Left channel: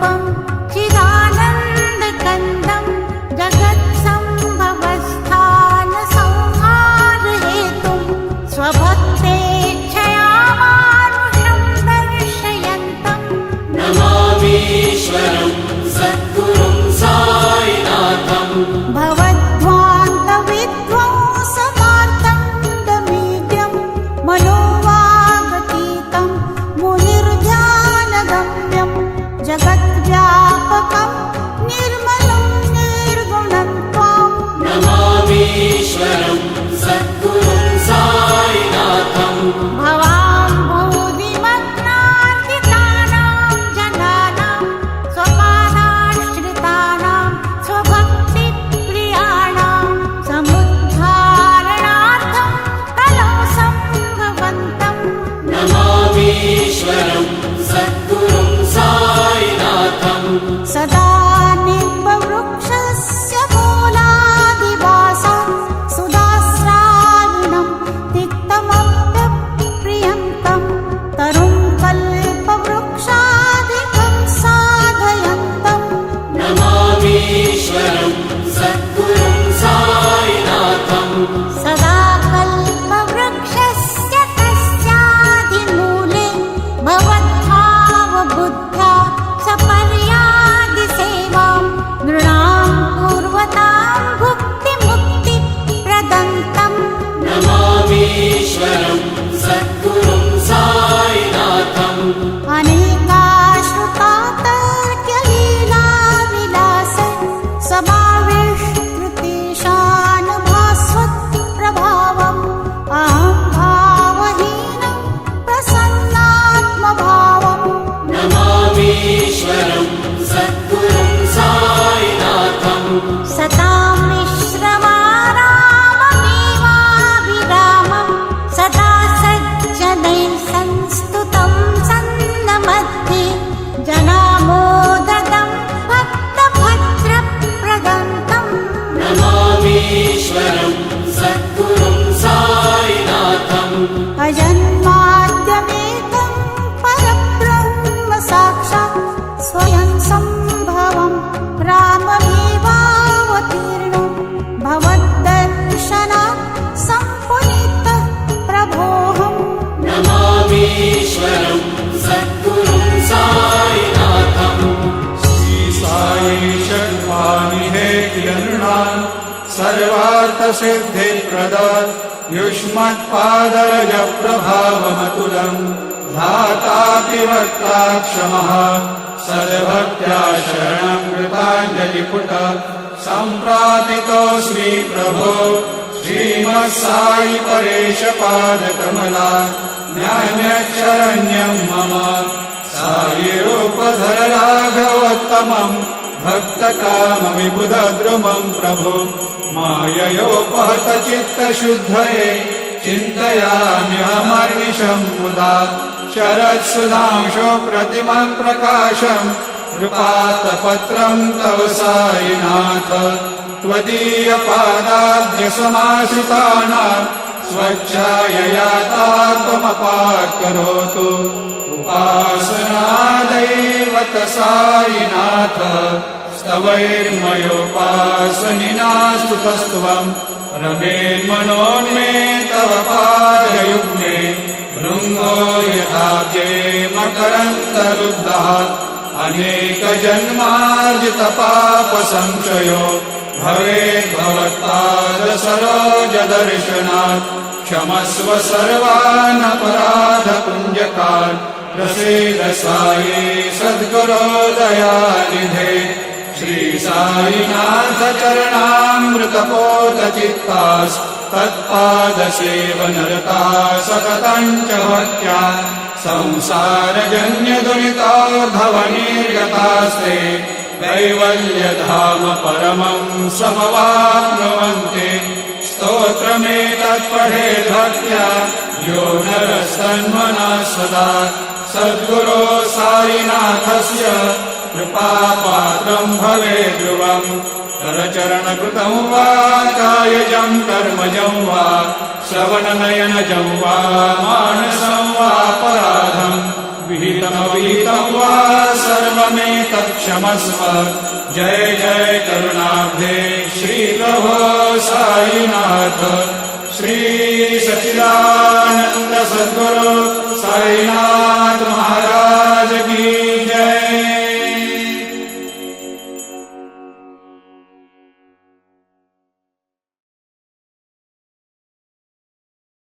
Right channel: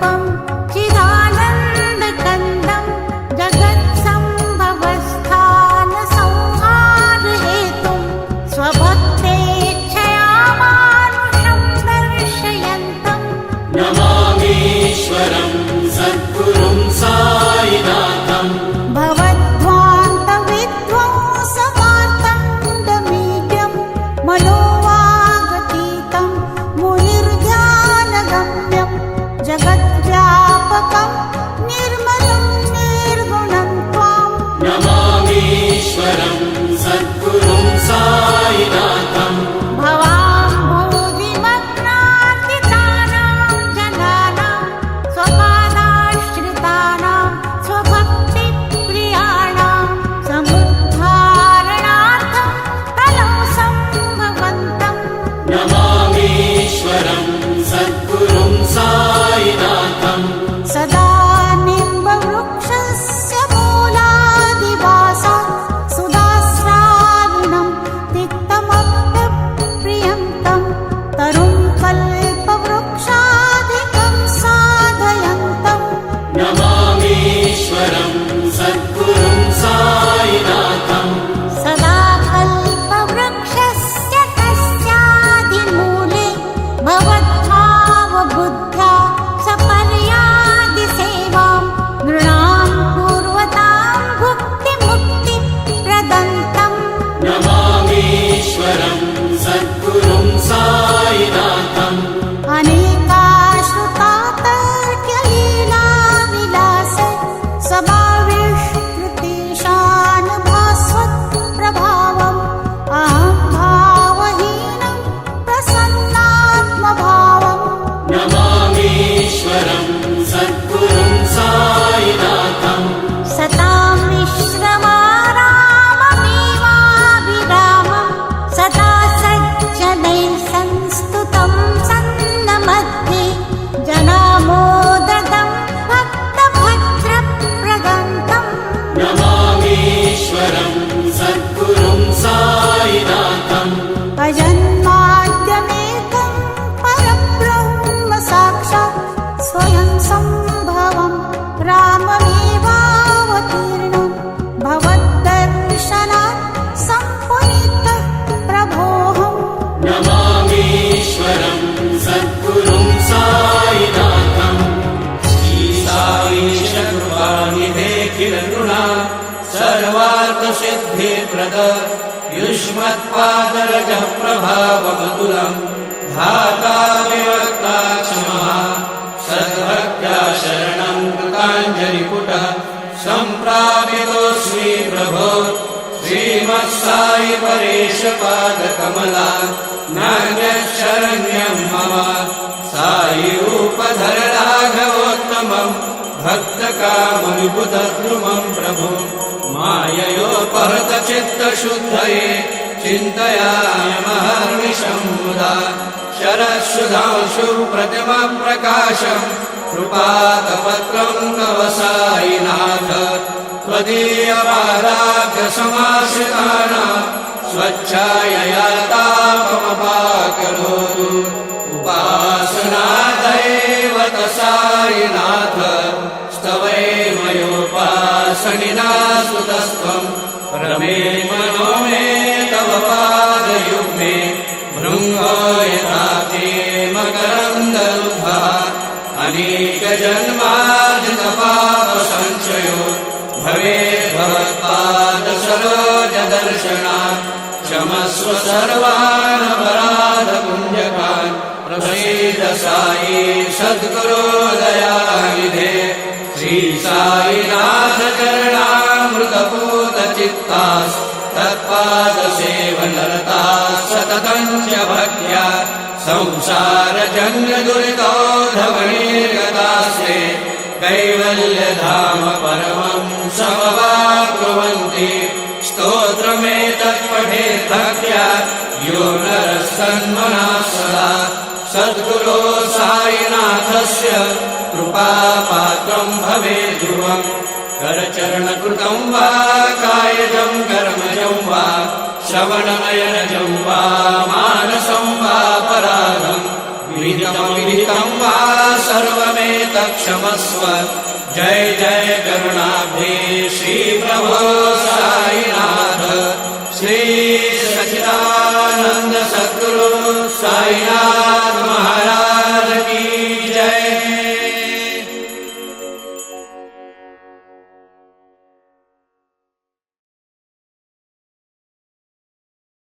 स्वरूपं चिदानन्दकन्दं जगत्सम्भवस्थानसंहारहेतुं स्वभक्तेच्छया मानुषं दर्शयन्तं नमामीश्वरं सद्गुरुं साईनाथं भवद्ध्वान्तविध्वंसमार्तण्डमीड्यं मनोवागतीतं मुनिर्ध्यानगम्यं जगद्व्यापकं निर्मलं निर्गुणं त्वां नमामीश्वरं सद्गुरुं साईनाथं भवाम्भोधिमग्नार्दितानां जनानां स्वपादाश्रितानां स्वभक्तिप्रियाणां समुद्धारणार्थं कलौ सम्भवन्तं नमामीश्वरं सद्गुरुं साईनाथं सदा निम्बवृक्षस्य मूलादिवासात् सुधास्राविणं तिक्तमप्यप्रियन्तं तरुं कल्पवृक्षादिकं साधयन्तं नमामीश्वरं सद्गुरुं साईनाथं सदा कल्पवृक्षस्य तस्यादिमूले भवद्भावबुद्ध्या सपर्यादिसेवां नृणां पूर्वतां भुक्तिमुक्तिप्रदन्तं नमामीश्वरं सद्गुरुं साईनाथम् अनेकाश्रुतातर्क्यलीलाविलास समाविष्कृतेशानुभास्वत्प्रभावम् अहं भावहीनं प्रसन्नात्मभावम् नमामीश्वरं सद्गुरुं साईनाथं सतां विश्रमाराममेवाभिरामं सदा सज्जनैः संस्तुतं सन्नमध्ये जनामोददं भक्तभद्रप्रदन्तं नमामीश्वरं सद्गुरुं साईनाथम् अजन्माद्यमेकं परब्रह्म साक्षात् स्वयं सम्भवं राममेवावतीर्णं भवद्दर्शनात् सम्पुनीतः प्रभोऽहम् नमामीश्वरं सद्गुरुं साईनाथम् श्री साई शर्वाणिहे किरणा सर्वार्थसिद्धिप्रद युष्मत्पादरजप्रभावमतुलं धाता विवक्ता क्षमः सद्भक्त्या शरणं कृताञ्जलिपुट सम्प्रापितोऽस्मि प्रभो श्रीमत्साई परेशपादकमला नान्यशरण्यं मम साई रूपधर राघवोत्तमं भक्तकामविबुधद्रुमं प्रभो माययोपहत चित्तशुद्धये चिन्तयामि महर्निशं मुदा शरत्सुधांशु प्रतिमप्रकाशं कृपातपत्रं तव साईनाथ त्वदीयपादाब्जसमाश्रितानां स्वच्छायया तापमपाकरोतु उपासनादैव साईनाथ स्तवैर्मयोपासनिना सुतस्त्वं रमेन्मनो मे तव पादयुग्मे भृङ्गो यथाब्जे मकरन्दरुद्धः अनेकजन्मार्जितपापसंशयो भवेत् भवत्पादसरोजदर्शनात् क्षमस्व सर्वान् अपराधपुञ्जकान् प्रसीद साई सद्गुरो दयानिधे श्री साईनाथ चरणामृतपोतचित्तास् तत्पादसेवनरता सततं च भक्त्या संसारजन्यदुरितोद्धवनिर्गतास्ते कैवल्यधाम परमं समवाप्नुवन्ति स्तोत्रमेतत् पठेत् भक्त्या यो नरः सन्मनः सदा सद्गुरो साईनाथस्य कृपापात्रं भवेत् ध्रुवम् करचरणकृतं वा कायजं कर्मजं वा श्रवणनयनजं वा मानसं वा पराधं विहितं वा सर्व सर्वमेतत् क्षमस्व जय जय करुणाब्धे श्री प्रभो साईनाथ श्री सच्चिदानंद सद्गुरु